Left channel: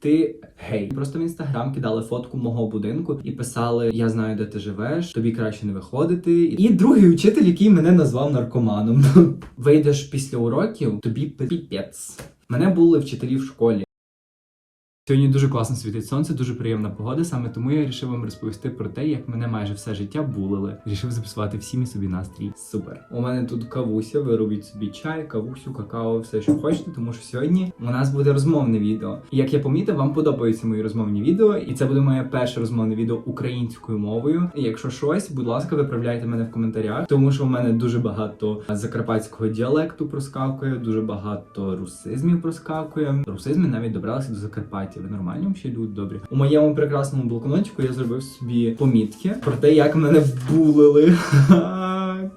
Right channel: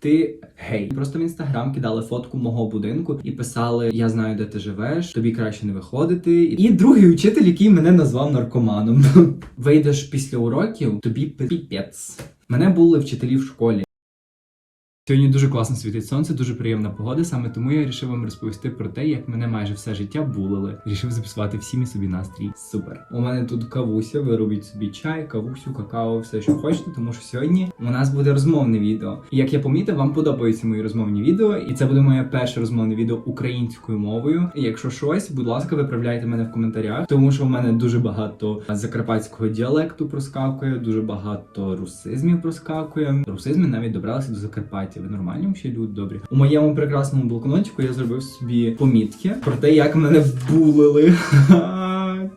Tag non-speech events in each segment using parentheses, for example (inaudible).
ти гей. Просто в інстаграм кидали фотку мого будинку і писали: Я знаю, де ти живеш, тобі краще не виходити. І другий учитель, який мене назвав наркоманом. (laughs) Вийдеш після уроків, тобі піпець. Мене були вчителі в школі. Сьогодні дуже класно світить сонце, дуже приємна погода. Саме тому я вирішив вам розповісти про те, як мене майже все життя булили. Рішив записувати всім і собі настрій. Супер. У мене тут кавуся. Ви робіть собі чай, кавусю, какао, все, що хочете, тому що сьогодні у нас буде розмовне відео. І як я помітив, вам подобаються мої розмовні відео, і це буде моє перше розмовне відео українською мовою. І якщо щось, будь ласка, виправляйте мене в коментарях, тому що в мене дуже багато закарпатського діалекту проскакує, дуже багато русизмів проскакує. Русизми навіть добралися до Закарпаття. Ви нормальні ще люди добрі. У моєму прекрасному блокнотику я зробив собі помітки про те, як мене булили.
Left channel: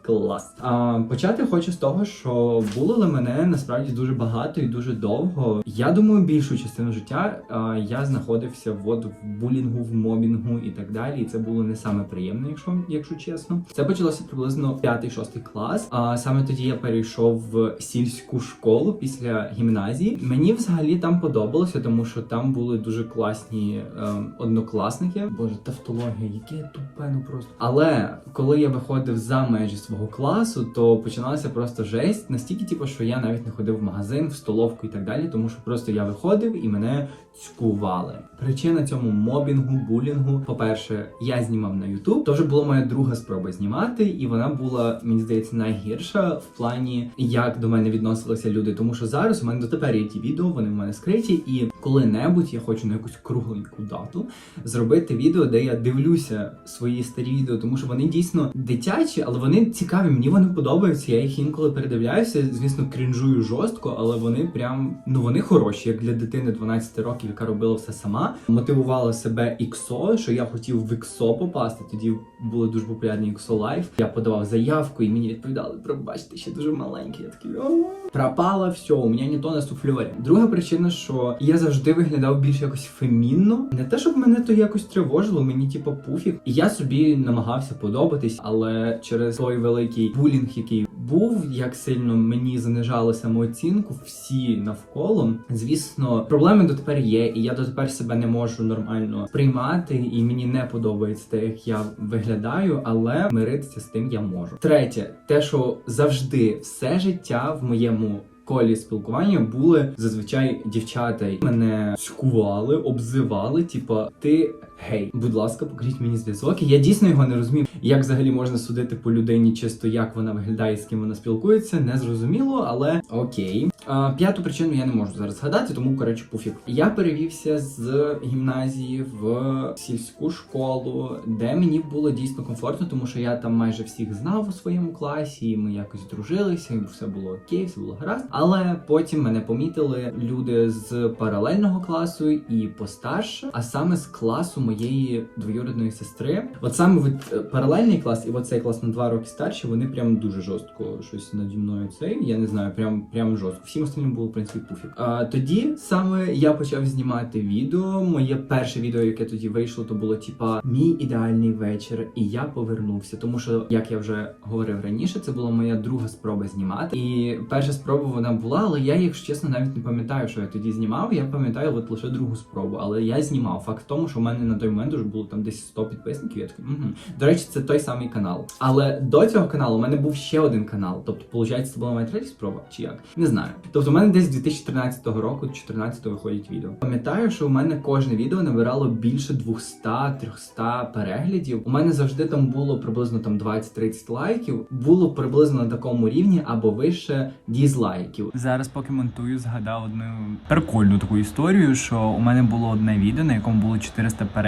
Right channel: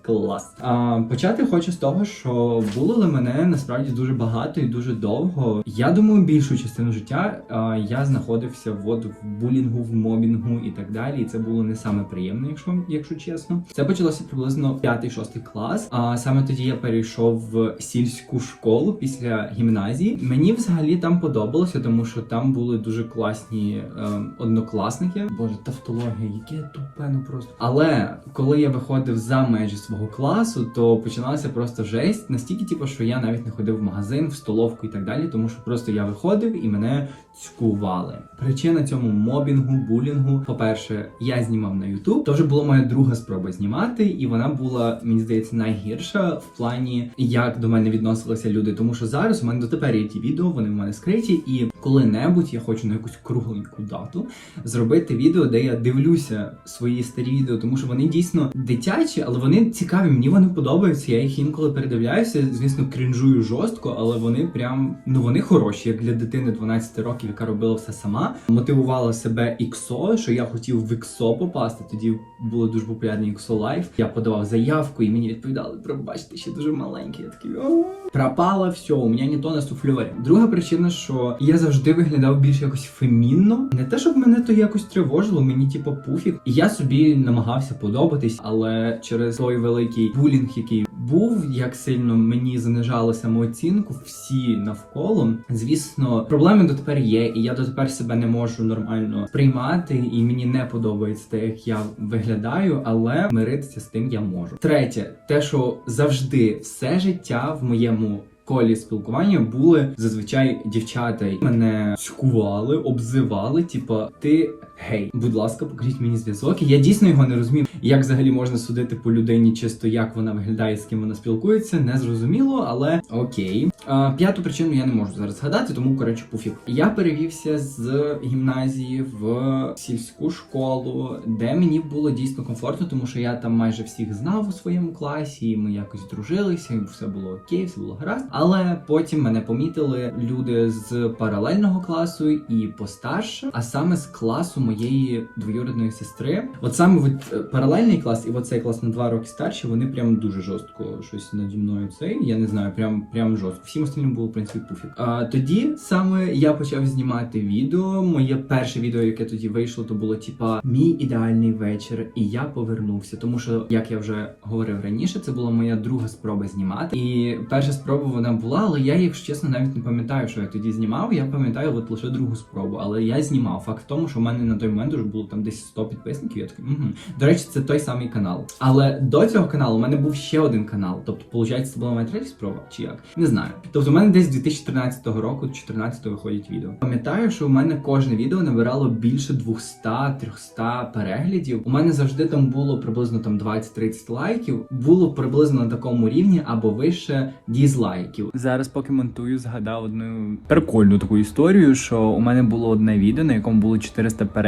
Клас. А, почати хочу з того, що булили мене насправді дуже багато і дуже довго. Я думаю, більшу частину життя а, я знаходився от в булінгу, в мобінгу і так далі. І це було не саме приємно, якщо, якщо чесно. Це почалося приблизно 5-6 клас. А саме тоді я перейшов в сільську школу після гімназії. Мені взагалі там подобалося, тому що там були дуже класні ем, однокласники. Боже, тавтологія, яке я тупе, ну просто. Але коли я виходив за межі свого класу, то починалася просто жесть. Настільки, типу, що я навіть не ходив в магазин, в столовку і так далі, тому що просто я виходив і мене цькували. Причина цьому мобінгу, булінгу. По-перше, я знімав на YouTube. То вже була моя друга спроба знімати, і вона була, мені здається, найгірша в плані, як до мене відносилися люди. Тому що зараз у мене дотепер є ті відео, вони в мене скриті, і коли-небудь я хочу на якусь кругленьку дату зробити відео, де я дивлюся свої старі відео, тому що вони дійсно дитячі, але вони цікаві. Мені вони подобаються. Я їх інколи передивляюся. Звісно, крінжую жорстко, але вони прям ну вони хороші, як для дитини 12 років, яка робила все сама. Мотивувала себе іксо, що я хотів в іксо попасти. Тоді було дуже популярне іксо лайф. Я подавав заявку, і мені відповідали: пробачте, ще дуже маленький. Я такий «О, пропало все, у мене не суфльорі. Друга причина, що я завжди виглядав більш якось фемінно. Не те, щоб мене то якось тривожило, мені типу пофіг. І я собі намагався подобатись, але через той великий булінг, який був, як сильно мені занижали самооцінку, всі навколо. Звісно, проблеми дотепер є, і я дотепер себе не можу нормально сприймати, і мені не подобається те, як я виглядаю, але миритися з тим я можу. Третє, те, що завжди все життя в моєму. Колі спілкування були зазвичай дівчата мене цькували, обзивали, типа ти гей. Будь ласка, покажіть мені зв'язок. Я дійсно його не розумів. Як взагалі можна судити по людині, чисто як вона виглядає, з ким вона спілкується, не зрозуміло, але окей. П'яту причину я не можу зараз згадати, тому коротше пофіг. Я перевівся з гімназії в сільську школу, де мені було дійсно комфортно, тому що я там майже всіх знав у своєму класі, і ми якось дружилися, і все було окей, все було гаразд. Але потім мене помітили люди з паралельного класу і постарше, а саме з класу моєї двоюрідної сестри. От саме от, е, паралельний клас і оцей клас на два роки старші, вони прям дуже жорстко щось наді мною цей. Я не знаю, прям прям жорстко. Всім остальним було в принципі пофіг. А тоді саме я почав знімати відео. Моє перше відео, яке тоді вийшло, то було типа мій ідеальний вечір, і я повернувся. Тому що, як я вже говорив раніше, це була моя друга спроба знімати. І перша спроба вона була, але я, якщо чесно, навіть не пам'ятаю, що я тоді знімав. Я пам'ятаю от лише другу спробу, але я знімав. Факт в тому, що в мене на той момент вже було там десь 100 підписників. Я такий, угу. До речі, це той самий канал. Але до цього каналу у мене був ще один канал. Тобто, виходить, це була моя третя спроба, чи як? Не знаю. Тобто, у мене десь з 2014 року, 14 виходять відео. Пам'ятаю, що в мене кожне відео набирало більше 200-300 переглядів. У мене завжди там було приблизно там 20-30 лайків. Було приблизно на такому рівні або вище дізлайків. Зараз, поки монтую, згадав одну прикольну таку історію, що у мене було одне відео, на якому було 400 переглядів,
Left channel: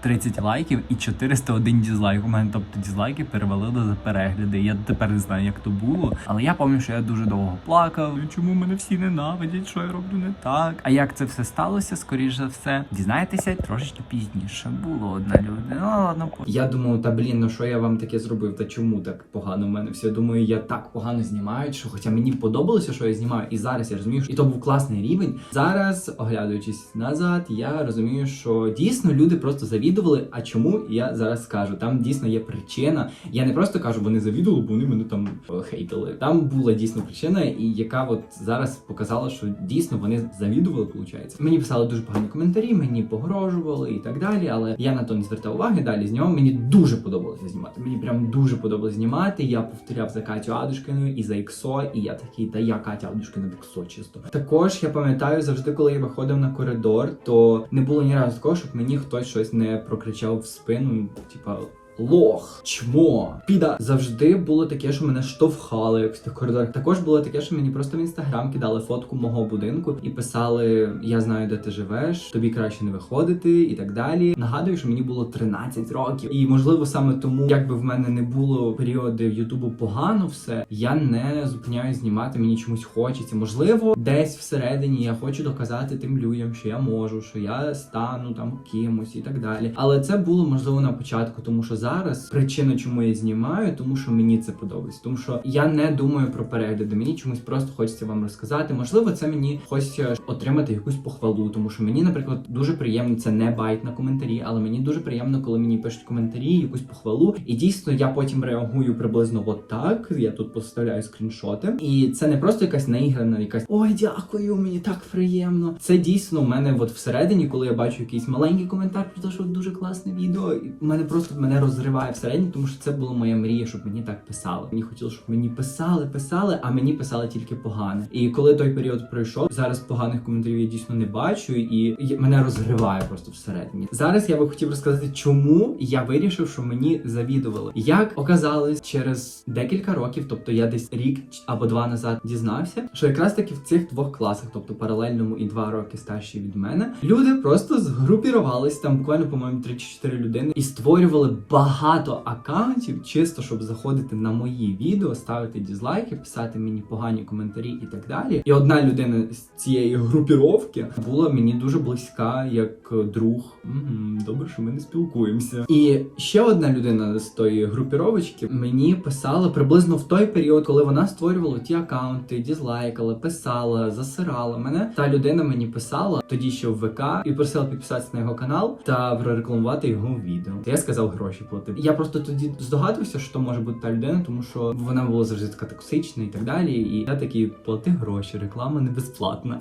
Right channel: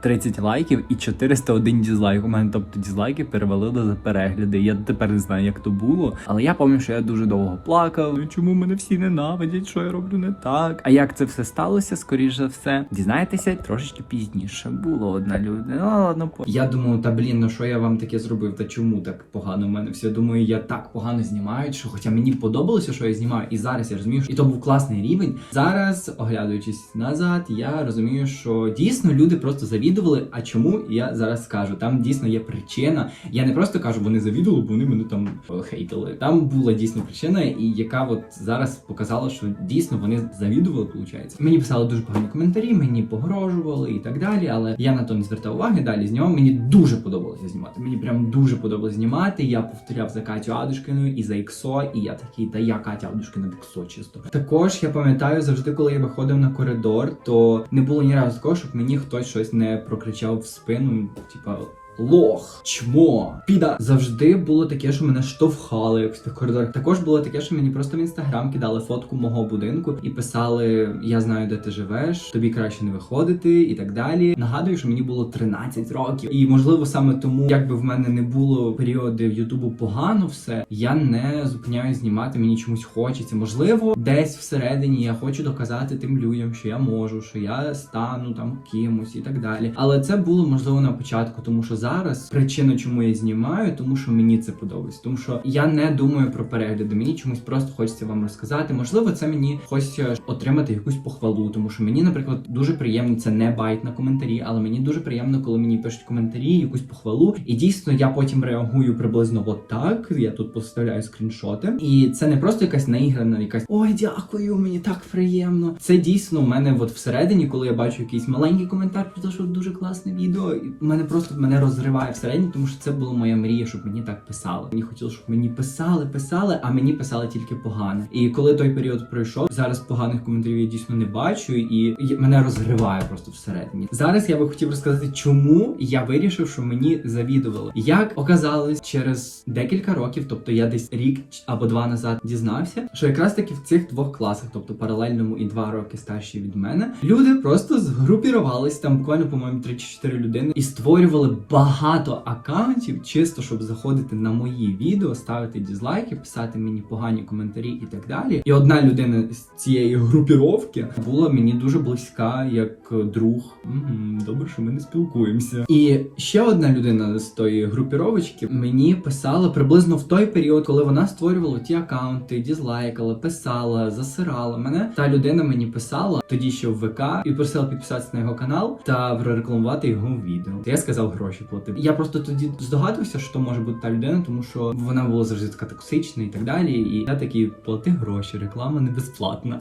30 лайків і 401 дізлайк. У мене тобто дізлайки перевалили за перегляди. Я тепер не знаю, як то було. Але я пам'ятаю, що я дуже довго плакав. «Ну, Чому мене всі ненавидять? Що я роблю не так? А як це все сталося? Скоріш за все, дізнаєтеся трошечки пізніше. Було одна людина. Ну ладно, по я думаю, та блін, ну що я вам таке зробив? Та чому так погано в мене? Всі думаю, я так погано знімаю, що хоча мені подобалося, що я знімаю, і зараз я розумію, що і то був класний рівень. Зараз, оглядуючись назад, я розумію, що дійсно люди просто завідували. А чому я зараз скажу? Там дійсно є причина. Я не просто кажу, вони завідували, бо вони мене там е, хейтили. Там була дійсно причина, і яка от зараз показала, що дійсно вони завідували. Виходить. Мені писали дуже погані коментарі, мені погрожували і так далі. Але я на то не звертав уваги. Далі знімав. Мені дуже подобалося знімати. Мені прям дуже подобалося знімати. Я повторяв за Катю Адушкиною і за Іксо, і я такий, та я Катя Адушкина в Іксо чисто. Також я пам'ятаю завжди, коли я виходив на коридор, то не було ні разу такого, щоб мені хтось щось не прокричав в спину, типа. Лох, чмо, піда. Завжди було таке, що мене штовхали в тих коридорах. Також було таке, що мені просто в інстаграм кидали фотку мого будинку і писали: Я знаю, де ти живеш, тобі краще не виходити, і так далі. Нагадую, що мені було 13 років, і можливо саме тому, якби в мене не було періоди в Ютубу погано все, я не зупиняю знімати. Мені чомусь хочеться. Можливо, десь всередині я хочу доказати тим людям, що я можу, що я стану там кимось і так далі. Але це було можливо на початку, тому що зараз причина, чому я знімаю, тому що мені це подобається. Тому що я не думаю про перегляди. Мені чомусь просто хочеться вам розказати. Можливо, це мені хочеться отримати якусь похвалу, тому що мені, наприклад, дуже приємно це не байт на коментарі, але мені дуже приємно, коли мені пишуть коментарі, якусь похвалу. І дійсно я потім реагую приблизно от так. Я тут поставляю скріншоти, і це не просто якась наіграна, якась ой, дякую, мені так приємно. Це дійсно у мене от всередині, коли я бачу якийсь маленький коментар про те, що дуже класне відео, і мене просто мене розриває всередині, тому що це була моя мрія, щоб мені так писали. Мені хотілося, щоб мені писали, писали, а мені писали тільки погане. І коли той період пройшов, зараз поганих коментарів я дійсно не бачу, і, мене розриває просто всередині. Зараз я би хотів розказати, чому я вирішив, що мені завідували. Як оказалось через декілька років, тобто я десь рік або два назад дізнався, що якраз таки в цих двох класах, тобто паралельному і два роки старші від мене, люди просто згрупірувались там буквально, по-моєму, 3 чи 4 людини і створювали багато аккаунтів, чисто щоб заходити на мої відео, ставити дізлайки, писати мені погані коментарі і так далі. І одна людина з цієї групіровки була мені дуже близька, як друг. Добре, що ми не спілкуємося. І ще одна людина з тої групіровочки мені писала приблизно в той період, коли вона створювала ті аккаунти, дізлайкала, писала, засирала мене. Та людина мені писала тоді ще в ВК і просила підписатися на його канал та прорекламувати його відео. Я сказав гроші платив. Я просто тоді здогадувався, що може бути та людина, тому що вона була завжди така токсична і так далі. І я такий плати гроші, реклама не безплатна.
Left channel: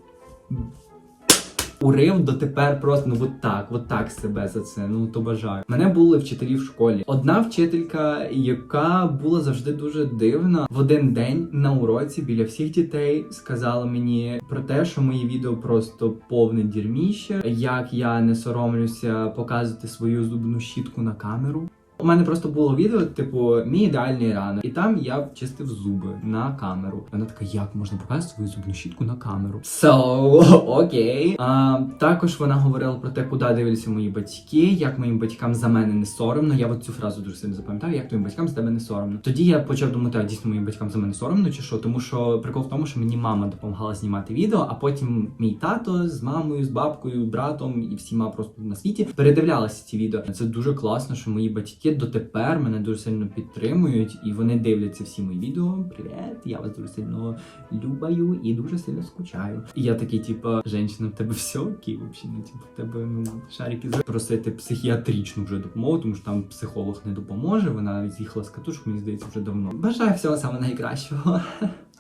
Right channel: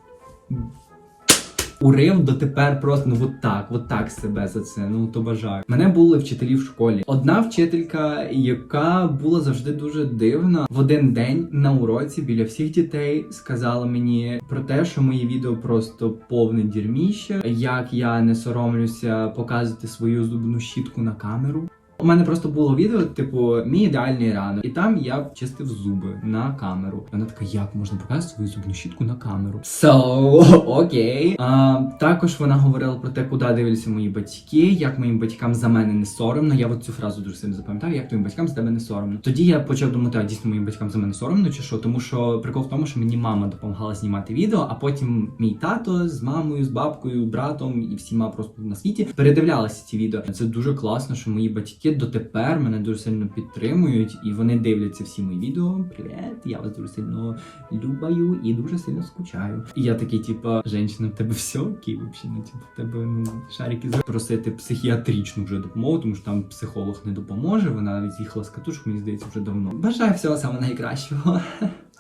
Урив дотепер просто ну от так, от так себе за це. Ну то бажаю. Мене були вчителі в школі. Одна вчителька, яка була завжди дуже дивна, в один день на уроці біля всіх дітей сказала мені про те, що мої відео просто повне дірміще, як я не соромлюся показувати свою зубну щітку на камеру. У мене просто було відео, типу, мій ідеальний ранок, і там я чистив зуби на камеру. Вона така, як можна показати свою зубну щітку на камеру? So, окей. А, також вона говорила про те, куди дивляться мої батьки, як моїм батькам за мене не соромно. Я от цю фразу дуже сильно запам'ятаю, як твоїм батькам за тебе не соромно. Тоді я почав думати, так, дійсно моїм батькам за мене соромно, чи що? Тому що прикол в тому, що мені мама допомагала знімати відео, а потім мій тато з мамою, з бабкою, братом і всіма просто на світі передивлялися ці відео. Це дуже класно, що мої батьки дотепер мене дуже сильно підтримують, і вони дивляться всі мої відео. Привіт, я вас дуже сильно любаю і дуже сильно скучаю. І я такий, типа, женщина, в тебе все окей, вообще, ну, типу, в тебе шарики запросити психіатричну вже допомогу, тому що там психолог не допоможе. Вона з'їхала з катушок, мені здається, вже давно. Бажаю всього самого найкращого.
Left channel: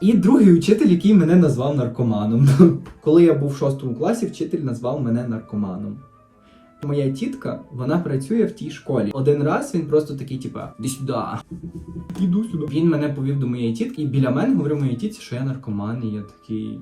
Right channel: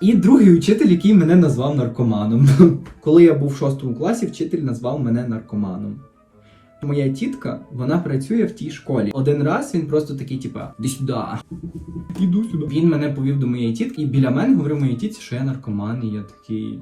І другий учитель, який мене назвав наркоманом. Коли я був в шостому класі, вчитель назвав мене наркоманом. Моя тітка, вона працює в тій школі. Один раз він просто такий, типа, іди сюди. Іду сюди. Він мене повів до моєї тітки, і біля мене говорив моїй тітці, що я наркоман, і я такий.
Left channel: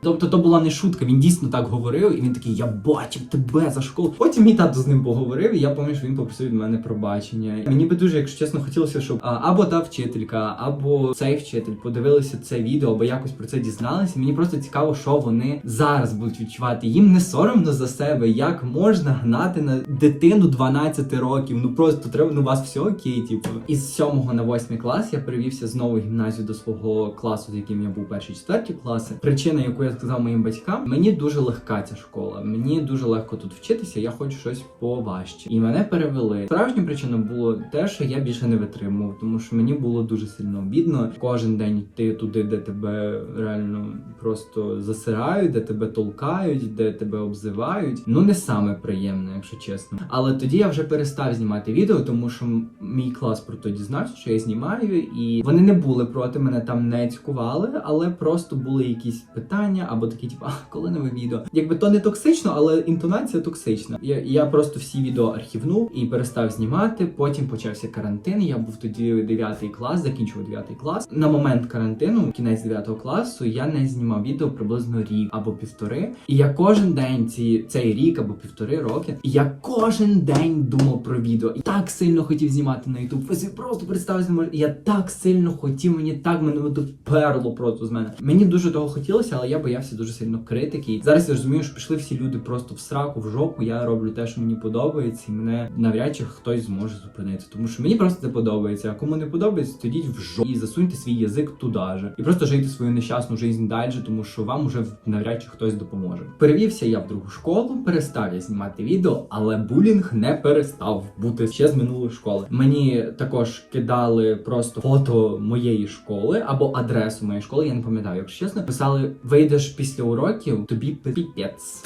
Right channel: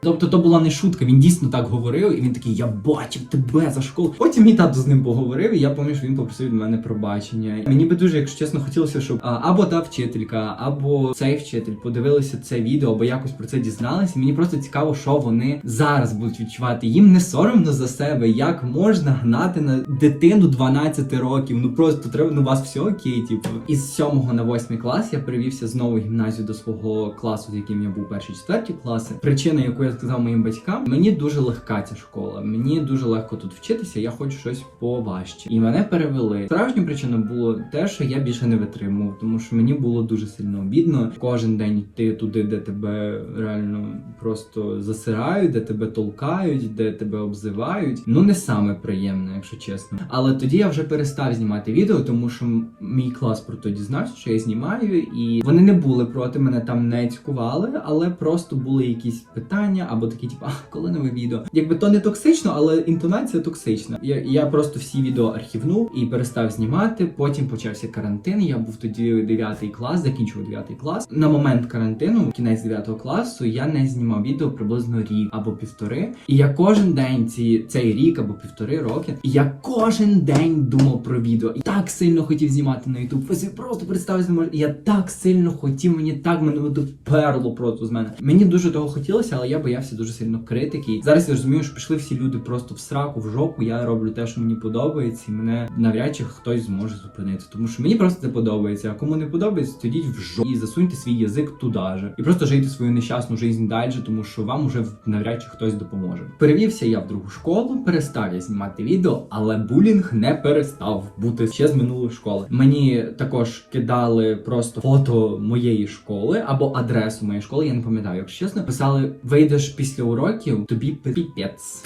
Тобто то була не шутка, він дійсно так говорив, і він такий, я бачив тебе за школу. Потім мій тато з ним поговорив, і я пам'ятаю, що він попросив від мене пробачення. Мені би дуже, якщо чесно, хотілося, щоб або та вчителька, або цей вчитель подивилися це відео, або якось про це дізналися. Мені просто цікаво, що вони зараз будуть відчувати. Їм не соромно за себе, як можна гнати на дитину 12 років. Ну просто треба на вас все окей. Типу, із 7 на 8 клас я перевівся знову в гімназію до свого класу, з яким я був перші четверті класи. Причина яку я сказав моїм батькам, мені дуже легка ця школа. Мені дуже легко тут вчитися. Я хочу щось поважче. І мене перевели. Справжня причина було те, що я більше не витримував, тому що мені було дуже сильно обідно кожен день йти туди, де тебе реально просто засирають, де тебе толкають, де тебе обзивають. Ну не саме приємне, якщо чесно. Але тоді я вже перестав знімати відео, тому що мій клас про то дізнався, що я знімаю, і вони не були проти мене там не цькували, але просто були якісь питання або такі, типу, а коли нове відео? Якби то не токсично, але інтонація токсична. Я, я просто всі відео архівнув і перестав знімати. Потім почався карантин. Я був тоді 9 клас, закінчував 9 клас. На момент карантину, кінець 9 класу, я не знімав відео приблизно рік або півтори. І я кожен день ці цей рік або півтори роки. Я кожен день думав про відео. І так сильно хотів знімати на YouTube. Просто представте, може, я так сильно хотів, мені так мене доперло просто з мене. Мені дуже того хотілося, але я боявся дуже сильно критики. Зараз я розумію, що пішли всі люди просто в сраку, в жопу. Я роблю те, що мені подобається, і мене навряд чи хтось зможе зупинити. Тому що мені просто це подобається. А кому не подобається, то йдіть в жопу і засуньте свій язик туди же. І просто жийте свою нещасну життя далі, тому що вам вже навряд чи хтось допоможе. Перевівся я в другу школу, перестав я знімати відео, але булінг не перестав бути ще з минулої школи. Мені також кидали просто фото моєї школи або адресу моєї школи. Я не пам'ятаю, якщо чесно. Писали: вийдеш після уроків, тобі піпець.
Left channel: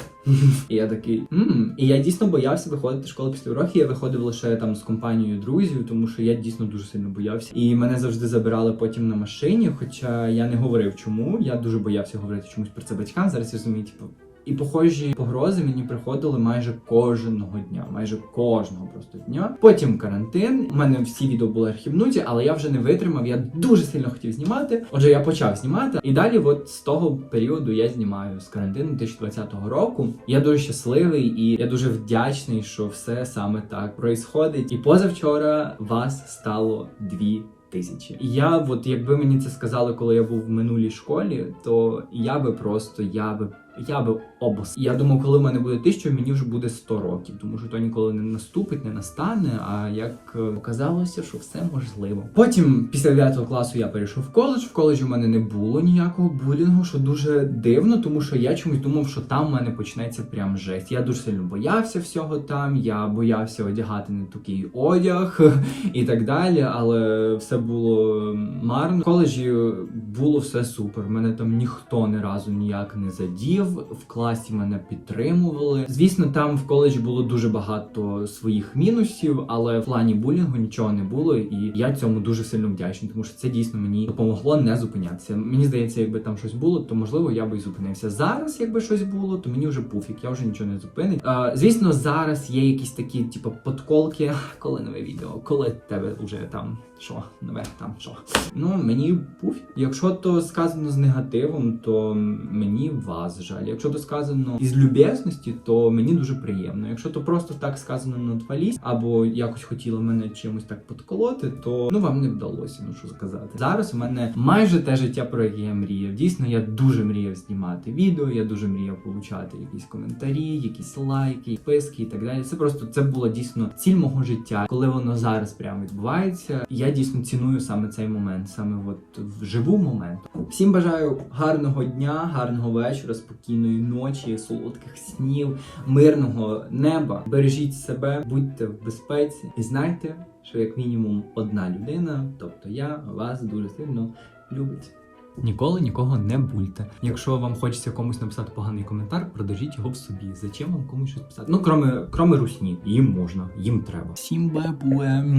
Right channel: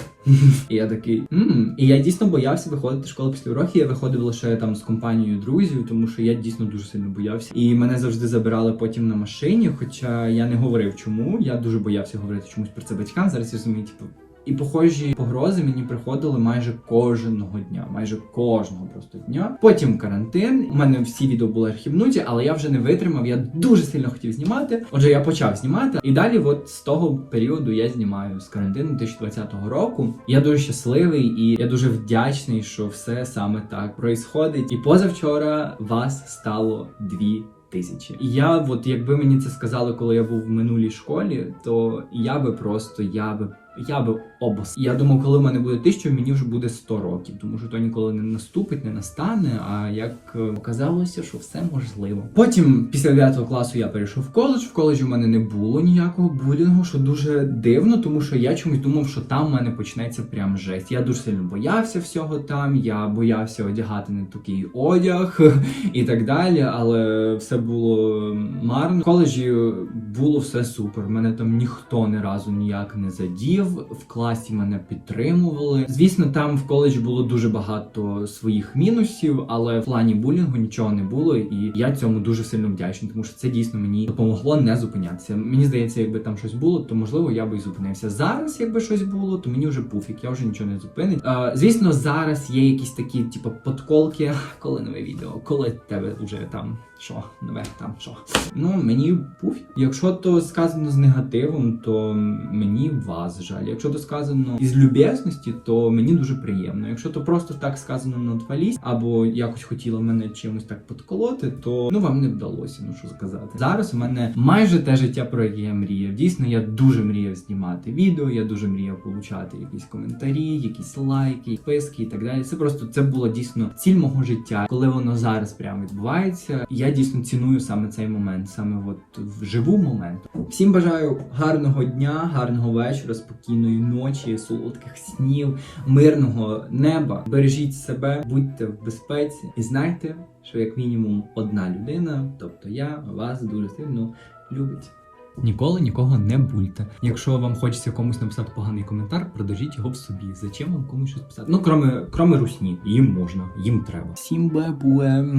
І я такий «М». І я дійсно боявся виходити з школи після уроків. Я виходив лише там з компанією друзів, тому що я дійсно дуже сильно боявся. І мене завжди забирали потім на машині. Хоча я не говорив чому. Я дуже боявся говорити чомусь про це батькам. Зараз я розумію, типу. І похожі погрози мені приходили майже кожного дня, майже кожного просто дня. Потім карантин. У мене всі відео були архівнуті, але я вже не витримав. Я дуже сильно хотів знімати. Отже, я почав знімати. І далі, от з того періоду, я знімаю з карантину 2020 року. Я дуже щасливий і я дуже вдячний, що все саме так происходить. І позавчора вас стало дві. Тисячі. І я, от якби мені це сказали, коли я був в минулій школі, то я би просто я би я би обос. Я думав, коли в мене буде тисяча, мені вже буде 100 років, тому що то ніколи не наступить, не настане. А як е, оказалося, що все можливо. Потім, після 9 класу, я перейшов в коледж. В коледжі в мене не було ніякого булінгу, що дуже дивно, тому що я чомусь думав, що там в мене почнеться прям жесть. Я дуже сильно боявся всього там. Я боявся одягати не такий одяг (laughs) і так далі, але все було марно. В коледжі було все супер. Мене там ніхто ні разу ніяк не задів. В класі мене підтримували. Звісно, там в коледжі було дуже багато своїх мінусів, але в плані булінгу нічого не було, і я цьому дуже сильно вдячний, тому що це дійсно мені допомогло не зупинятися. Мені здається, якби там щось було, то можливо я би і зупинився. Зараз, якби щось було, то мені вже пуфік, я вже нічого не зупинить. Е, звісно, зараз є якісь такі, типу, подколки, (laughs) коли нове відео, коли тебе вже там що, нове там що. Ну мені пуфік. Якщо то сказано з негативом, то мені вас жаль. Якщо то сказано із люб'язності, то мені дуже приємно. Якщо то просто так сказано на твалість, або якось хотіли мене чимось так подколоти, то ну вам не вдалося, ну що сказати. Зараз у мене майже те життя, про яке я мріяв. Дійсно, я дуже мріяв знімати відео, я дуже мріяв получати якісь коментарі, якісь лайки, підписки і так далі. Це просто це було дійсно ціль мого життя, коли воно зараз прямо відбувається. Я дійсно ціную саме цей момент, саме от вживу момент. Всім бажаю гарного дня, гарного вечора, спокійної ночі, солодких снів, мирного неба. Бережіть себе, будьте в безпеці і знайте, що як мінімум одна людина, тобто я, вас дуже сильно любить. Ніколи нікого не бульте. Якщо вам хочеться комусь написати поганий коментар, продажіть його в собі. Зачем вам комусь щось писати? Ну, кроме, кроме русні, їм можна, їм треба. Всім бабуем.